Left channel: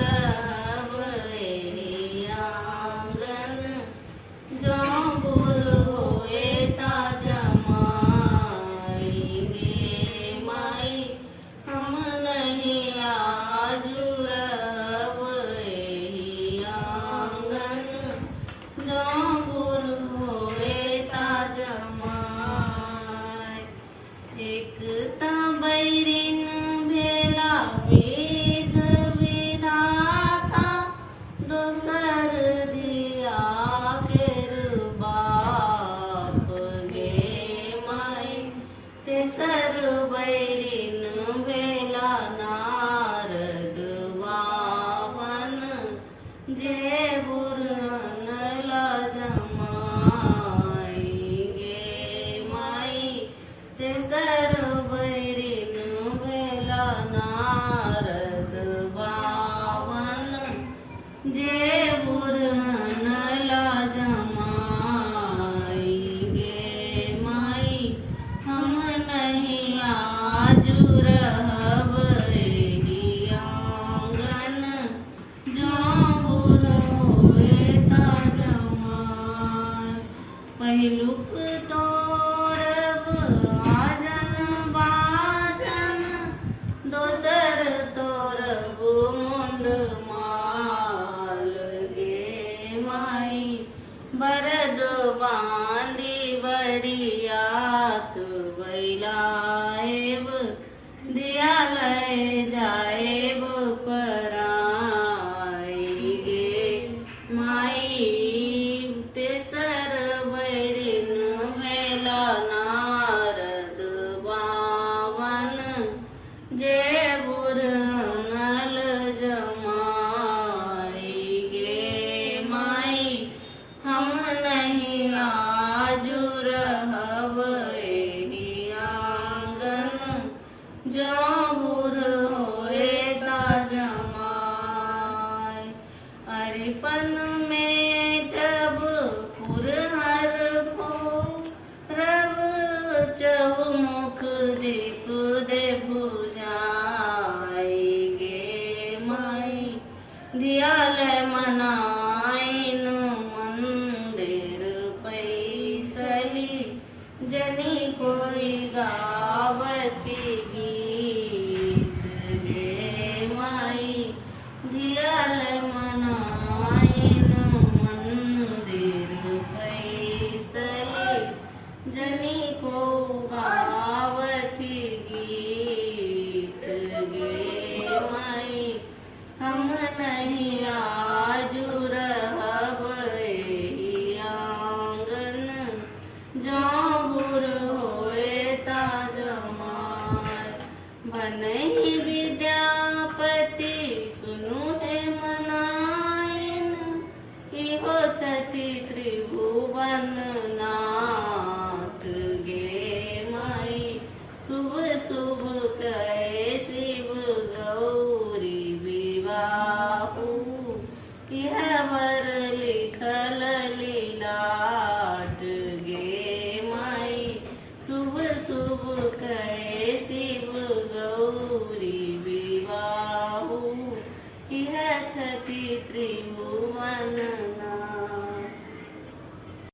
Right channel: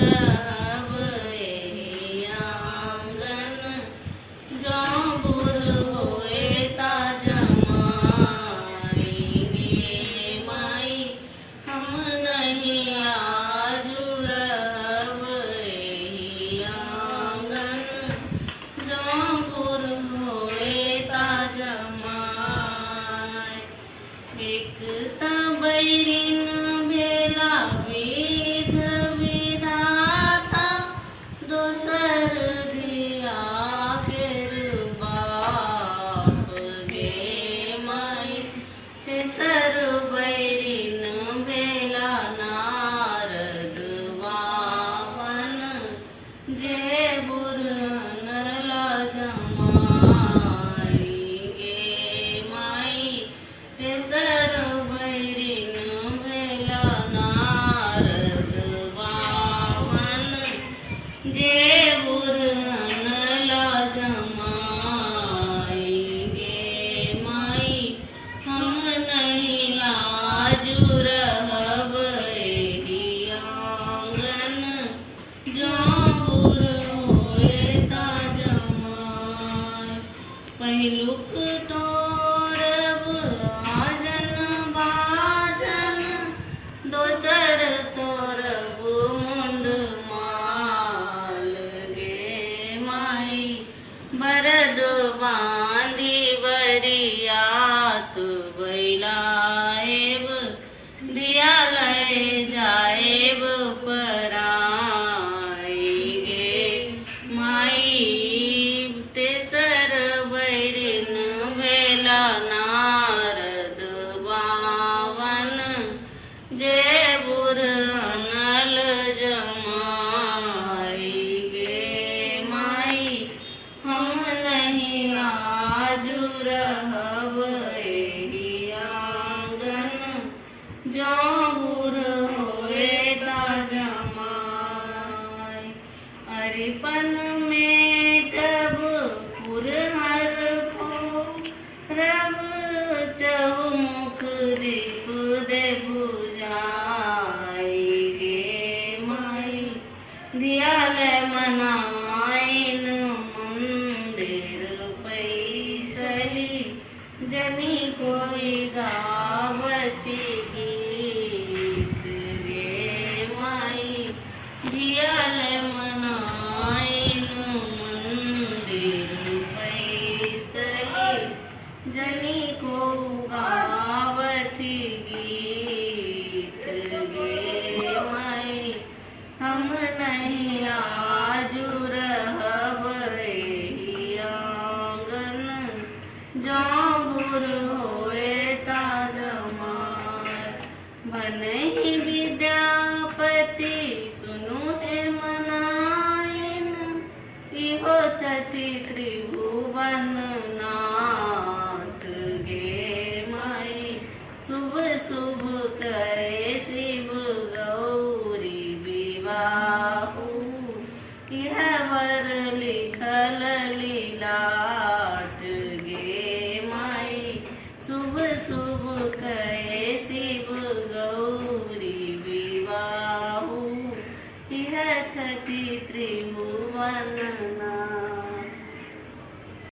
रहब एहि आंगन, जौ बुढ़ होए ता जमाई गे माई, हम नहीं आजू रहब एहि आंगन, जौ बुढ़ होए ता जमाई। एक ता बैरिन भेला विध विधाता, दोसर धिया केर बाप गे माई, तेसर बैरिन भेला नारद वामन, जे बुढ़न ला जमाई गे माई, तेसर बैरिन भेला नारद वामन, जे बुढ़न ला जमाई गे माई, हम नहीं आजू रहब एहि आंगन, जौ बुढ़ होए ता जमाई। पहिलुक तोरब आजन बाजन, दोसर तोरब मुंड माल गे माई, बरद बांधी बरियात बैलाएब, दिया लय जाएब पराई गे माई, तेसर बैरिन भेला नारद बावन, जे बुढ़न जमाई गे माई, हम नहीं आजू रहब एहि आंगन, जौ बुढ़ होए ता जमाई। अरिपन में तब पुरहर फोरब, चहुमुख दीप दे